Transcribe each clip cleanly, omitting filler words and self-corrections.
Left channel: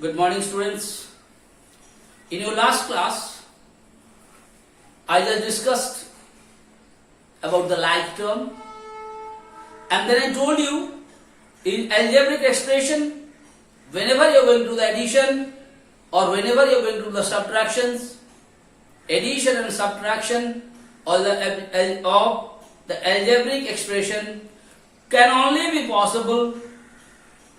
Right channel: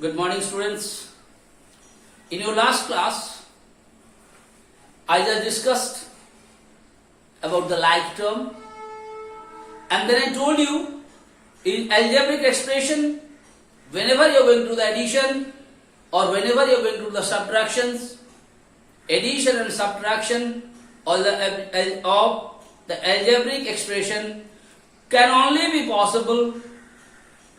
Good morning, students. In your last class, I just discussed about the like term, and then I told you in algebraic expression, whenever you are going to the addition or whenever you are going to the subtractions, addition and subtraction of the algebraic expression can only be possible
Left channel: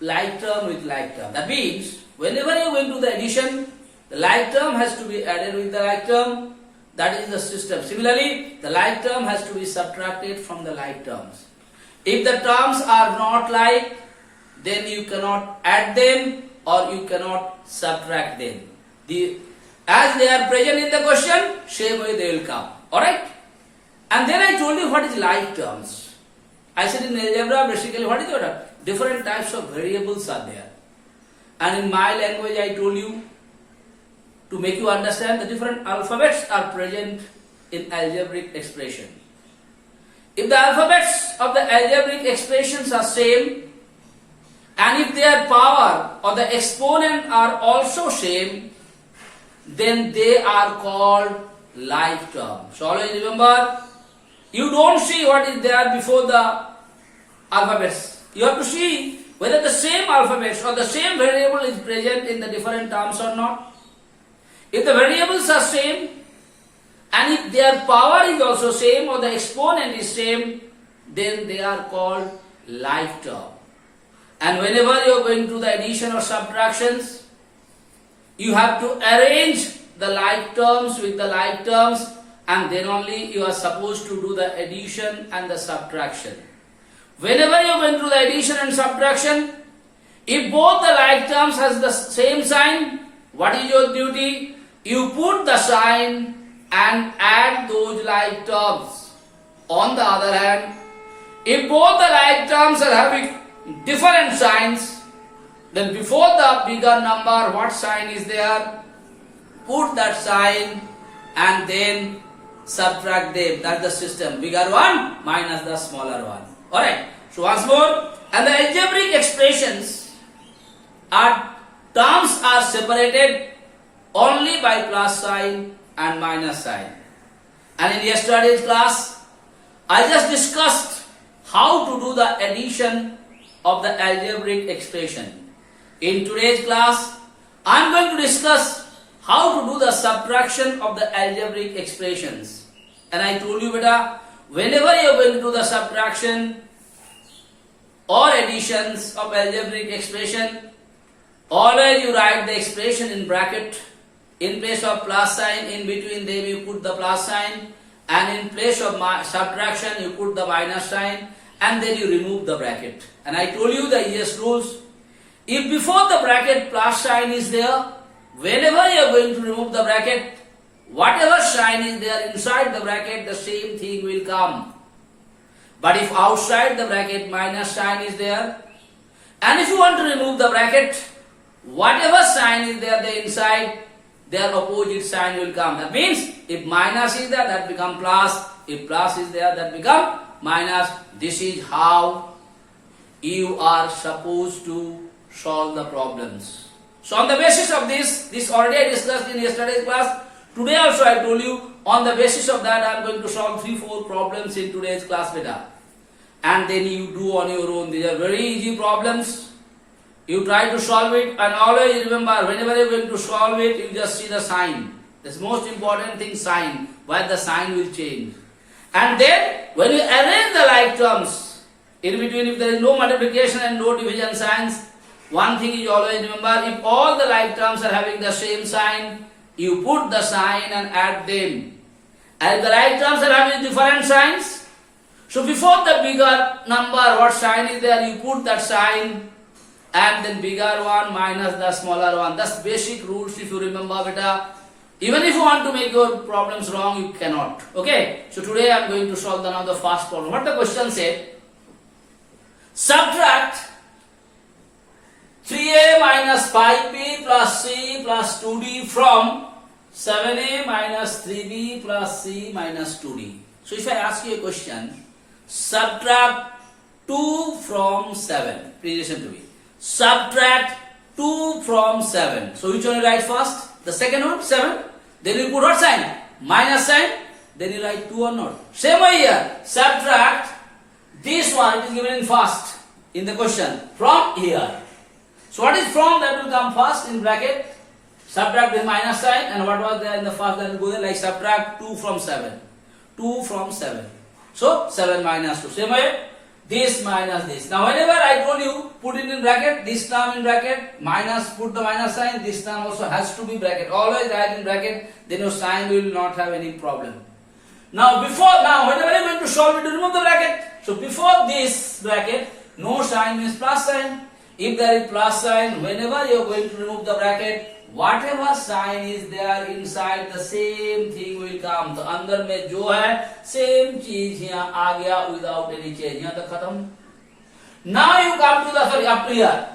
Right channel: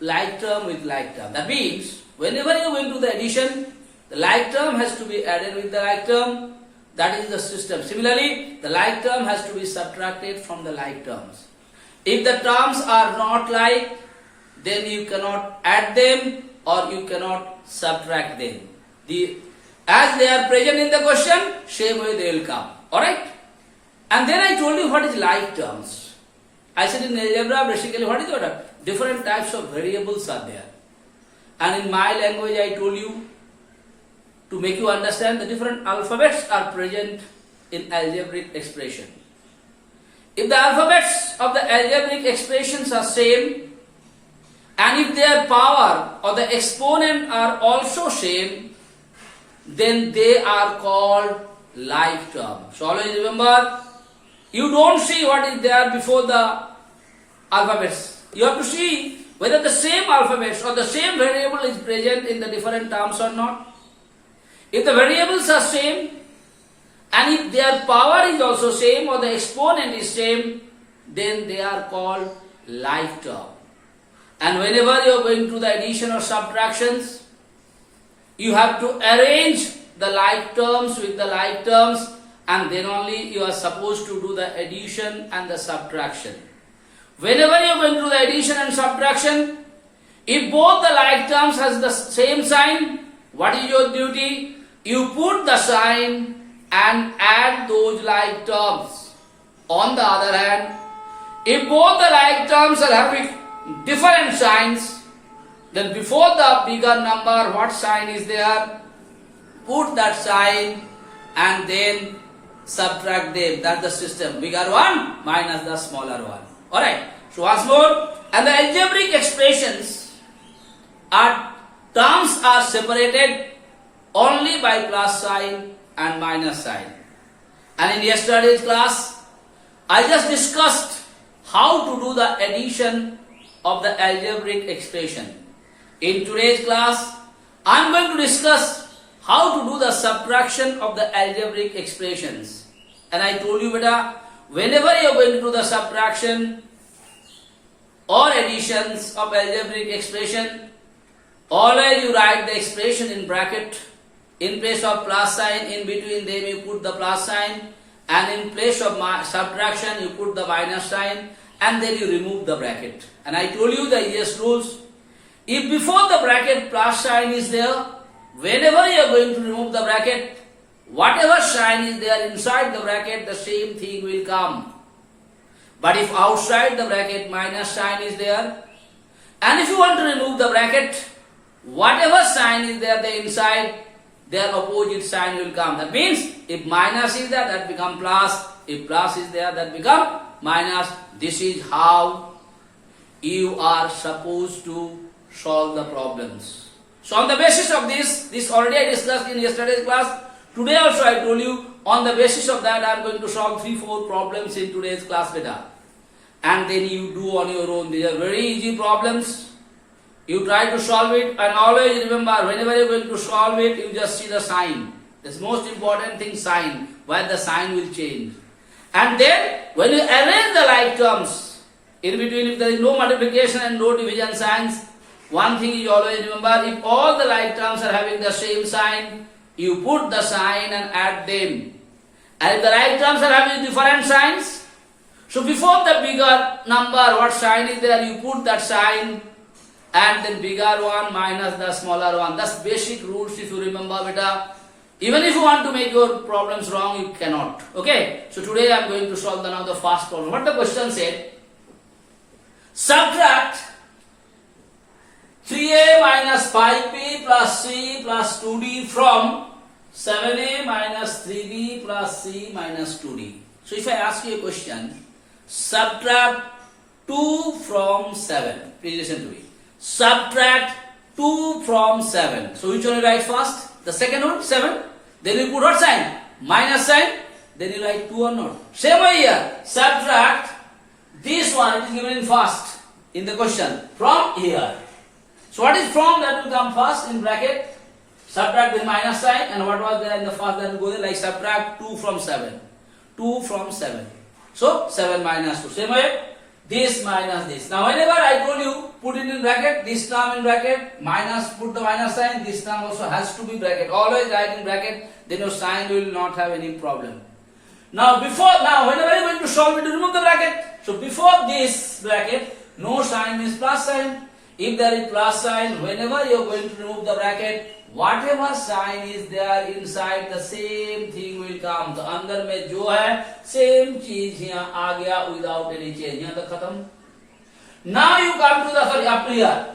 like term with like term. That means whenever you go into the addition, the like term has to be added with the like term. That is the system. Similarly, the like term has to be subtracted from the like terms. If the terms are not like, then you cannot add them or you cannot subtract them. As they are present in the question, same way they will come. Alright? And then I told you what is like terms. I said in algebra, basically what is the different types of variables are there. And in my language I told you, to make you understand, the different alphabets are present in algebraic expression. If the alphabets of the algebraic expressions are same, and if their power or the exponent are also same, then they are called like terms. So always remember, you don't see what is there before the alphabets. You have to see whether the same alphabets or the same variable is present in the different terms or not. If the variables are same, and if their power is also same or the exponent is same, then they are called like term. And whenever you are going to the addition or subtractions, you have to arrange the like terms with the like terms, and then only you are supposed to do the addition and the subtraction. Whenever you are going to the addition and subtraction, if both the like terms has the same sign, what is your duty? You put the sign and add those like terms. On the other hand, if both the like terms are having different signs, then before the bigger number, what sign is there? Put that sign and then subtract them. That's the system. Bigger one minus the smaller one. Alright. So once more, and the algebraic expressions terms are separated only by plus sign and minus sign. And in yesterday's class, I just discussed how to do the addition of the algebraic expression. In today's class, I am going to discuss how to do the subtraction of the algebraic expressions. And I told you, beta, whenever you are going to do the subtraction or additions of algebraic expression, always you write the expression in bracket. In place of plus sign, in between them you put the plus sign, and in place of subtraction you put the minus sign, and then you remove the bracket. And I told you the easiest rules. If before the bracket plus sign is there, whenever you are going to remove the bracket, whatever sign is there inside the bracket, the same thing will come. But if outside the bracket minus sign is there, and if you want to remove the bracket, whatever sign is there inside, their opposite sign will come. That means if minus is there, that become plus. If plus is there, that become minus. This is how you are supposed to solve the problems. So on the basis of this already I discussed in yesterday's class. Today also I told you, on the basis of that I am going to solve 3-4 problems in today's class beta. And then you do on your own. These are very easy problems. You try to solve it, and always remember, whenever you are going to solve it, you just see the sign. That's the most important thing, sign, where the sign will change. And then, when you arrange the like terms, in between if there is no multiplication and no division signs, one thing you always remember, if all the like terms are having the same sign, you put the sign and add them. And if the like terms are having different signs, so before the bigger number, what sign is there, you put that sign, and then bigger one minus the smaller one. That's basic rules if you remember, beta. Even if you want to make your problems wrong, you cannot. Okay? So today I am going to solve now the first problem. What the question said? Subtract 3a minus 5b plus c plus 2d from 7a minus 3b plus c minus 2d. So if I ask you a question, subtract 2 from 7. Please listen to me. Subtract 2 from 7. So which one you write first? The second one, 7. Then you put what sign? Minus sign. Then you write 2 or not. Same way here. Subtract this one. It is given in first in the question. From here. So what is from? That will come first in bracket. Subtract with minus sign. And what was there in the first? That will go there like subtract 2 from 7. 2 from 7. So 7 minus 2. Same way. This minus this. Now whenever I told you put it in bracket, this term in bracket, minus, put the minus sign, this term also has to be bracket. Always write in bracket, then your sign will not have any problem. Now whenever you are going to solve it, you remove the bracket. So before this bracket, no sign means plus sign. If there is plus sign, whenever you are going to remove the bracket, whatever sign is there inside, the same thing will come. तो अंदर में जो है same चीज यहाँ आ गया without any change. यहाँ तक खत्म. Now you come to the up to here.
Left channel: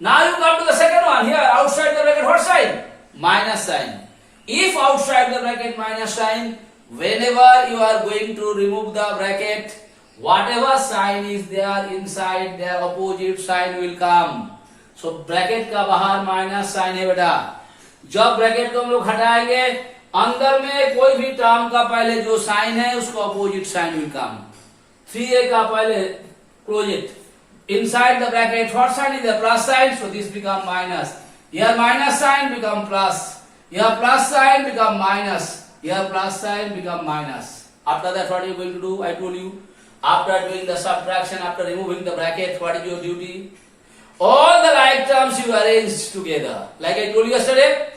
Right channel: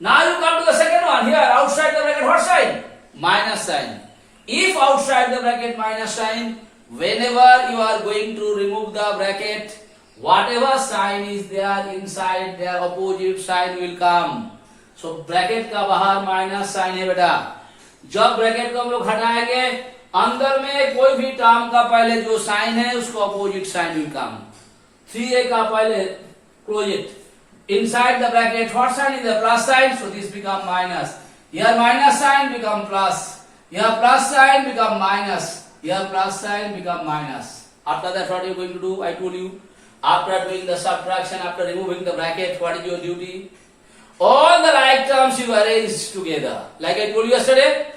Now you come to the second one here. Outside the bracket, what sign? Minus sign. If outside the bracket minus sign, whenever you are going to remove the bracket, whatever sign is there inside, their opposite sign will come. So bracket का बाहर minus sign है बेटा. जब bracket को हम लोग हटाएंगे, अंदर में कोई भी टर्म का पहले जो साइन है उसको opposite sign will come. 3a का पहले close it. Inside the bracket, what sign is the plus sign? So this become minus. Here minus sign become plus. Here plus sign become minus. Here plus sign become minus. After that, what are you going to do? I told you. After doing the subtraction, after removing the bracket, what is your duty? All the like terms you arrange together. Like I told you yesterday,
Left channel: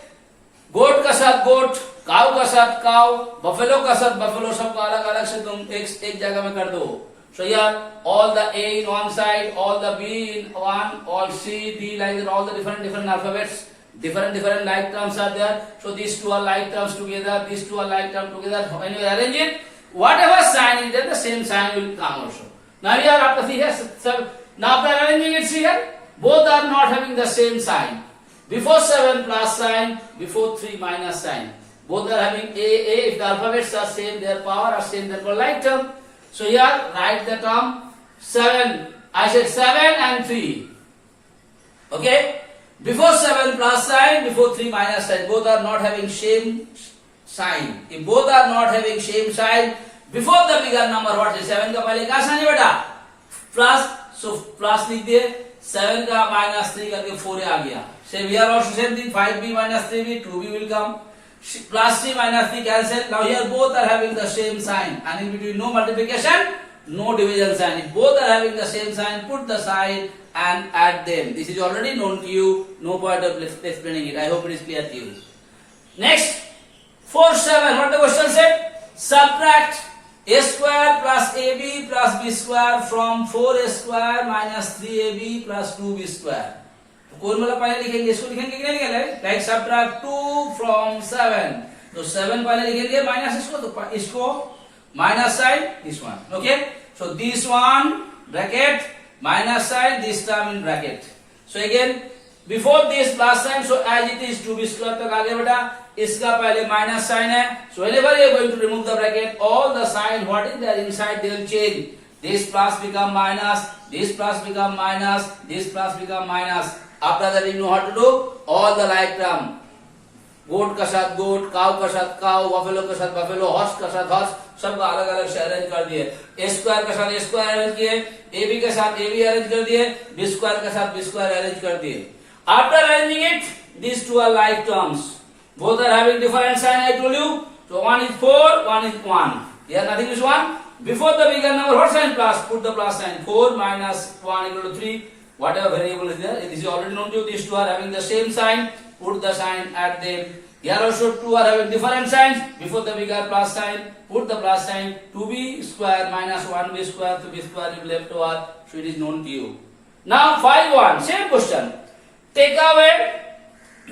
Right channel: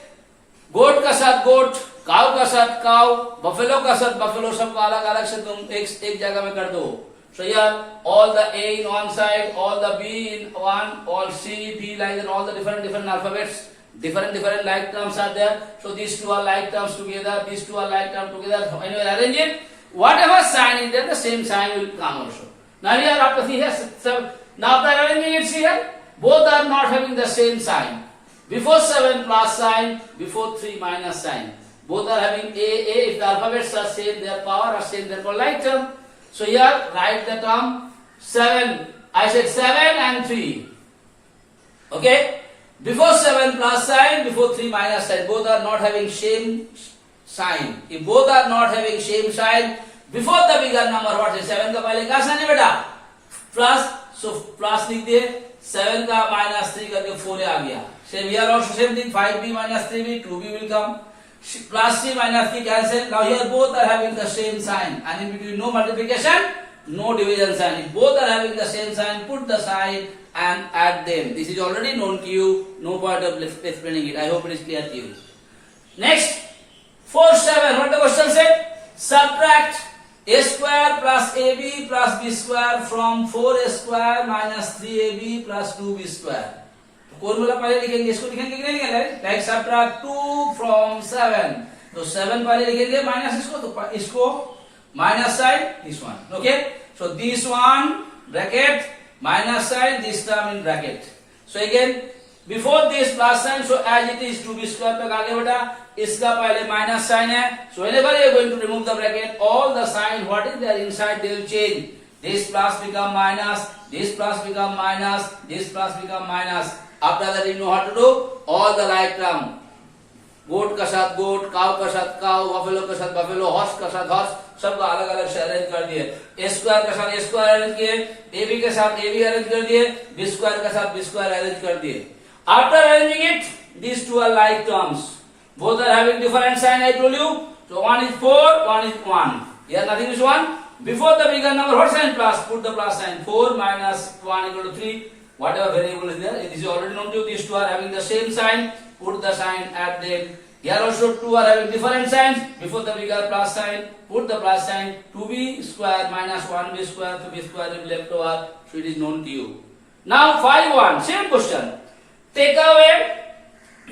goat का साथ goat, cow का साथ cow, buffalo का साथ buffalo, सबको अलग अलग से तुम एक जगह में कर दो. So here, all the A in one side, all the B in one, all C, D, like that, all the different alphabets, different like terms are there. So these two are like terms together, these two are like terms together. When you arrange it, whatever sign is there, the same sign will come also. Now here, after here, now after arranging it here, both are not having the same sign. Before 7 plus sign, before 3 minus sign. Both are having A. If the alphabets are same, their power are same, therefore like term. So here, write the term 7. I said 7 and 3. Okay? Before 7 plus sign, before 3 minus sign. Both are not having same sign. If both are not having same sign, before the bigger number, what is 7 का पहले क्या sign है बेटा? Plus. So plus लिख दिए. 7 का minus 3 करके 4 आ गया. Same here also same thing. 5b minus 3b, 2b will come. Plus c minus 3 cancel. Now here both are having the same sign. And in between no multiplication, no division sign. If both are having the same sign, put the sign and add them. This is already known to you. No point of explaining it. I hope it is clear to you. Next, 4-7. What the question said? Subtract a square plus ab plus b square from 4a square minus 3ab plus 2b square. कौन वाला पहले लिखेंगे, इसको लिखेंगे कि नहीं लिखेंगे? Like subtract 2 from 7. तो 7 पहले लिखेंगे माइनस इसको, तो इसको minus side this one. Okay? So this one bracket minus sign, this term in bracket. So again, before this plus sign, so as it is 2b square तक आ गया बेटा. इसका पहले माइनस साइन है. So whenever you are going to remove the bracket, all the sign what is there inside they will change. This plus become minus, this plus become minus, this plus become minus. After that you know how to do all the like term. गोट का साथ गोट, काव का साथ काव, buffalo का साथ buffalo, horse का साथ हॉर्स, सबका अलग अलग से अरेंज कर दिए. ए स्क्वायर का साथ ए स्क्वायर अरेंज किए, ए बी के साथ ए बी अरेंज कर दिए, बी स्क्वायर का साथ बी स्क्वायर अरेंज कर दिए. After arranging it, these two are like terms. Both are having different sign. I told you. So one is 4, one is 1. Here nothing is 1. Before the bigger number, what sign plus? Put the plus sign. 4 minus 1 equal to 3. Whatever variable is there, this is already known to you. These two are having the same sign. Put the sign at them. Here also two are having different signs. Before the bigger plus sign, put the plus sign. 2b square minus 1b square, 2b square will be left over. So it is known to you. Now 5-1, same question. Take away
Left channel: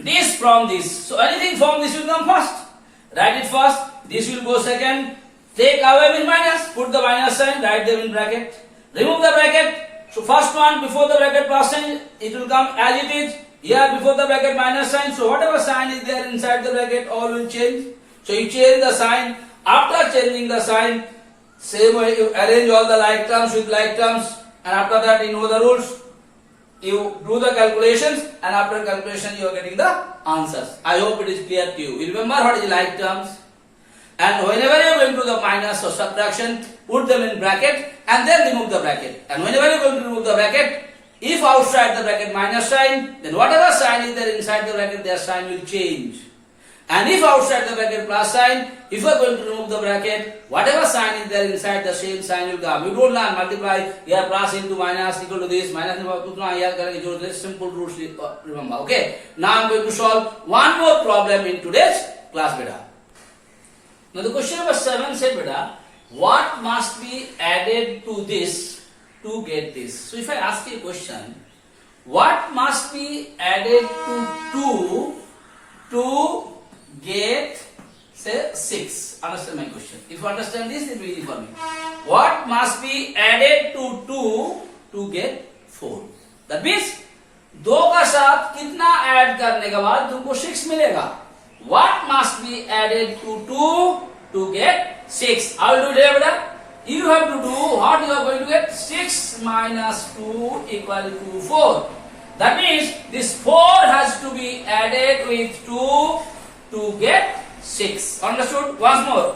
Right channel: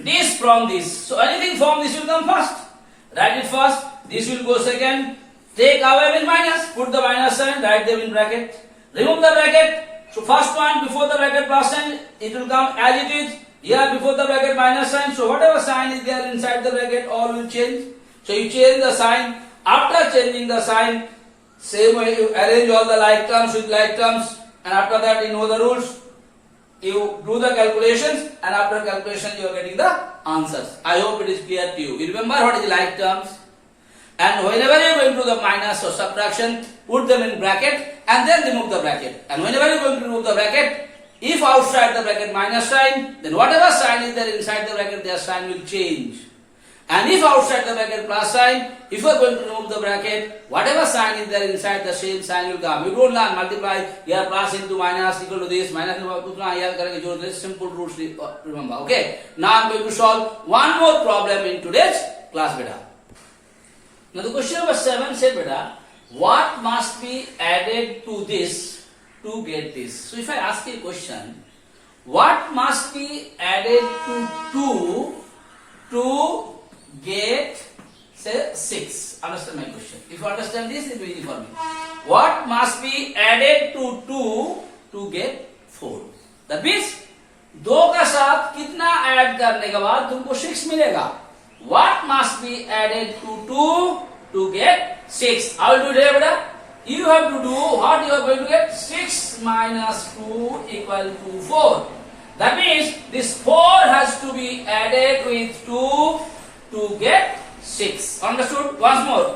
this from this. So anything from this will come first. Write it first. This will go second. Take away with minus. Put the minus sign. Write them in bracket. Remove the bracket. So first one before the bracket plus sign, it will come as it is. Here before the bracket minus sign. So whatever sign is there inside the bracket, all will change. So you change the sign. After changing the sign, same way you arrange all the like terms with like terms. And after that you know the rules. You do the calculations and after calculation you are getting the answers. I hope it is clear to you. You remember what is the like terms? And whenever you are going to the minus or subtraction, put them in bracket and then remove the bracket. And whenever you are going to remove the bracket, if outside the bracket minus sign, then whatever sign is there inside the bracket, their sign will change. And if outside the bracket plus sign, if you are going to remove the bracket, whatever sign is there inside, the same sign will come. You don't learn multiply, here plus into minus equal to this, minus equal to here, this simple rules remember. Okay. Now I am going to solve one more problem in today's class beta. Now the question number 7 said beta, what must be added to this to get this? So if I ask you a question, what must be added to 2 to get say 6? Understand my question. If you understand this, it will be easy for me. What must be added to 2 to get 4? That means 2 का साथ कितना add करने के बाद तुमको 6 मिलेगा. What must be added to 2 to get 6? How will you do it, beta? You have to do what you are going to get. 6 minus 2 equal to 4. That means this 4 has to be added with 2 to get 6. Understood? Once more.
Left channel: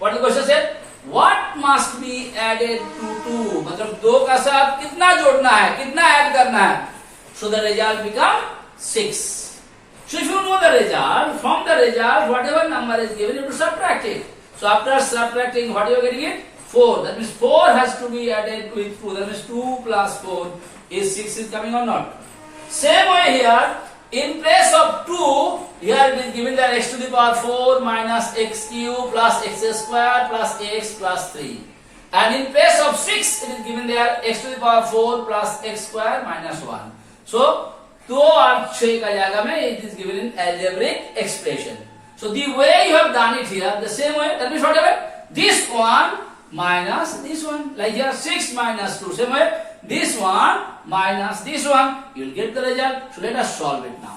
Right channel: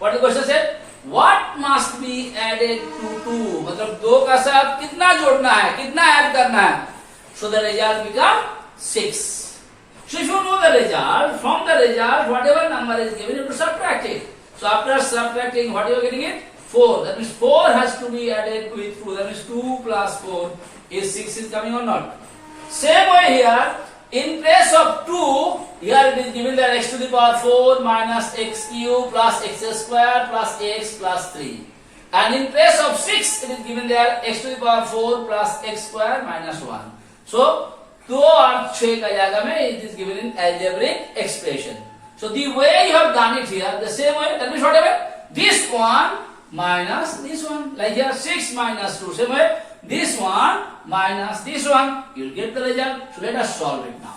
What the question said? What must be added to 2? मतलब 2 का साथ कितना जोड़ना है, कितना add करना है? So the result become 6. So if you know the result, from the result, whatever number is given, you have to subtract it. So after subtracting, what you are getting it? 4. That means 4 has to be added with 2. That means 2 plus 4 is 6 is coming or not? Same way here. In place of 2, here it is given that x to the power 4 minus x cube plus x square plus x plus 3. And in place of 6, it is given there x to the power 4 plus x square minus 1. So, 2 और 6 का जाएगा में it is given in algebraic expression. So, the way you have done it here, the same way, that means whatever, this one minus this one, like here 6 minus 2, same way, this one minus this one, you will get the result. So let us solve it now.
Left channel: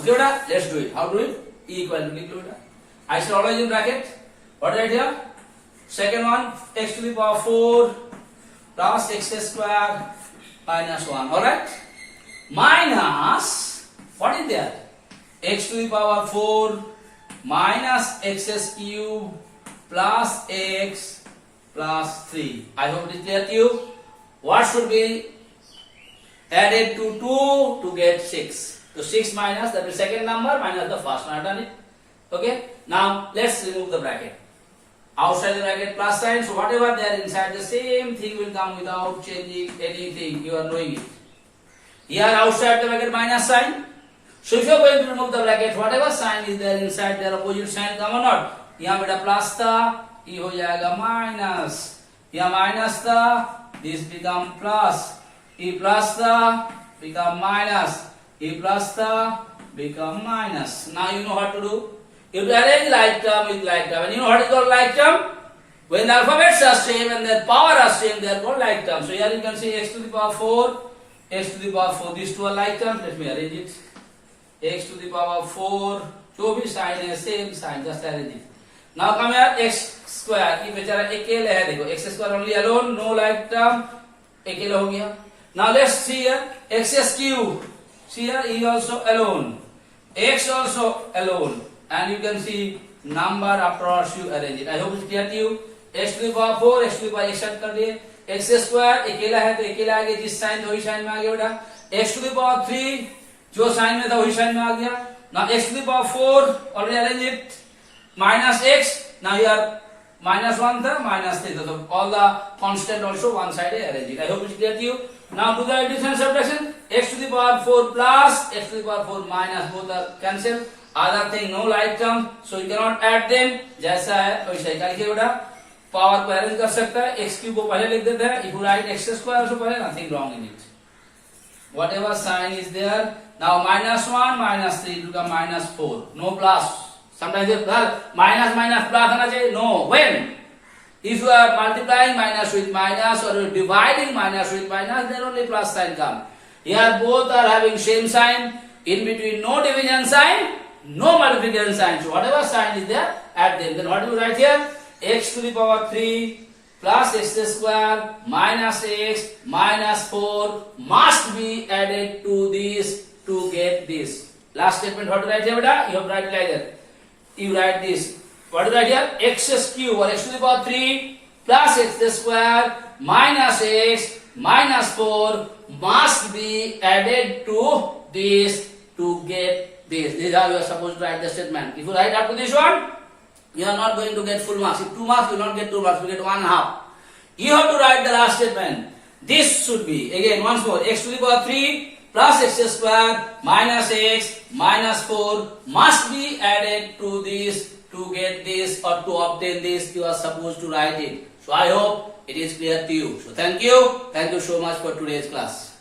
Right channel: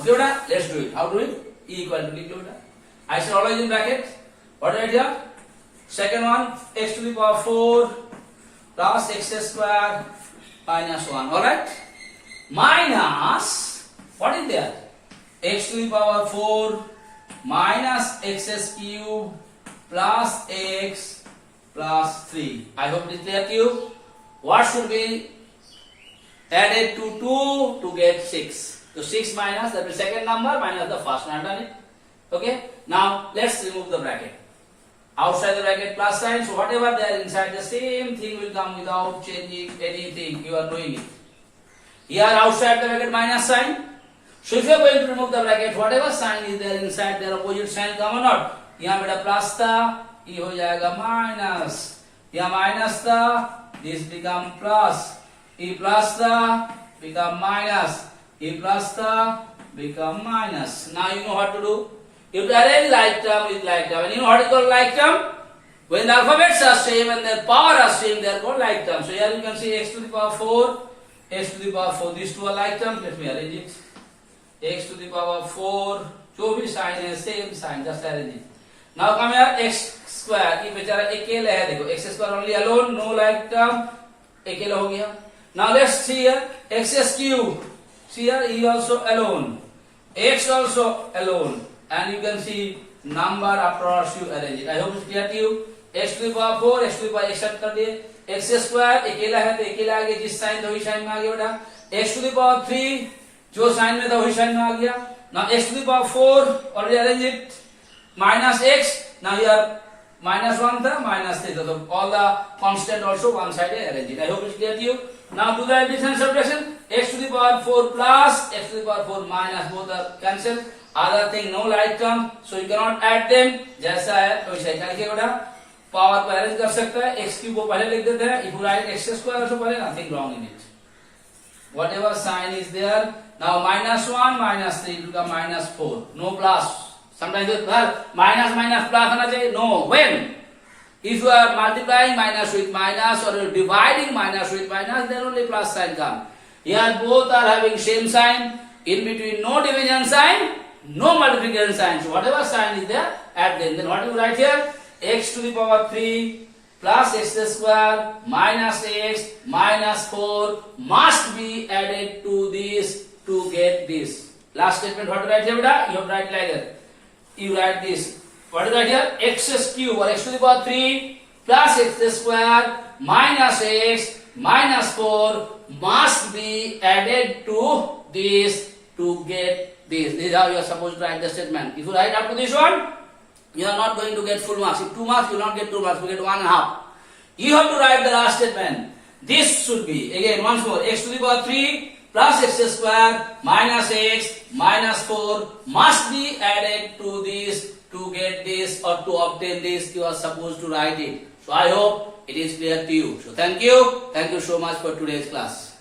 Okay, beta? Let's do it. How do it? E equal to beta. I shall always in bracket. What right here? Second one, x to the power 4 plus x square minus 1. Alright? Minus, what is there? X to the power 4 minus x cube plus x plus 3. I hope it is clear to you. What should be added to 2 to get 6? So 6 minus, that is second number minus the first one. I have done it. Okay. Now let's remove the bracket. Outside the bracket plus sign. So whatever there inside, the same thing will come without changing anything. You are doing it. Here outside the bracket minus sign. So if you are going to remove the bracket, whatever sign is there inside, their opposite sign come or not? यहाँ बेटा plus था, ये हो जाएगा minus. यहाँ minus था, this become plus. E plus था, become minus. E plus था, become minus. Now you know what to do. You have to arrange like term with like term. And you know what is called like term? When the alphabets are same and their power are same, they are called like term. So here you can see x to the power 4, x to the power 4. These two are like terms. Let me arrange it. X to the power 4. जो भी sign है same sign. Just arrange it. Now come here x square. ये बेचारा अकेले है देखो. X square only alone, no like term. अकेला हो गया. Now let's see here x cube. See here e also alone. X also alone. And you can see number afterwards you arrange it. I hope it's clear to you. X to the power 4, x to the power x कर दिए. X square अकेला है तो अकेला आ गया. जिस sign था वही साइन में आ गया बेटा. X to the power 3 जो साइन में था वही साइन में आ गया. Now x to the power 4 already arrange it. Minus x. Now here minus 1 था minus 3 था. So all the constant also one side arrange it. I hope it's clear to you. Now do the addition and subtraction. X to the power 4 plus x to the power 4 minus, both are cancelled. Other thing no like term, so you cannot add them. जैसा है वैसा ही लिखिए बेटा. Power को arrange कर सकता है. x cube को पहले लिख देते हैं. If you write x square also पहले, nothing wrong in it. Whatever sign is there. Now minus 1 minus 3 will become minus 4. No plus. Sometimes you minus minus plus होना चाहिए. No. When? If you are multiplying minus with minus or dividing minus with minus, then only plus sign come. Here both are having same sign. In between no division sign, no multiplication sign. So whatever sign is there, add them. Then what do you write here? X to the power 3 plus x square minus x minus 4 must be added to this to get this. Last statement, what to write here, beta? You have to write like that. You write this. What do you write here? X cube or x to the power 3 plus x square minus x minus 4 must be added to this to get this. This is how you are supposed to write the statement. If you write up to this one, you are not going to get full marks. If 2 marks, you will not get 2 marks, you will get 1.5. You have to write the last statement. This should be, again once more, x to the power 3 plus x square minus x minus 4 must be added to this to get this or to obtain this. You are supposed to write it. So I hope it is clear to you. So thank you so much for today's class.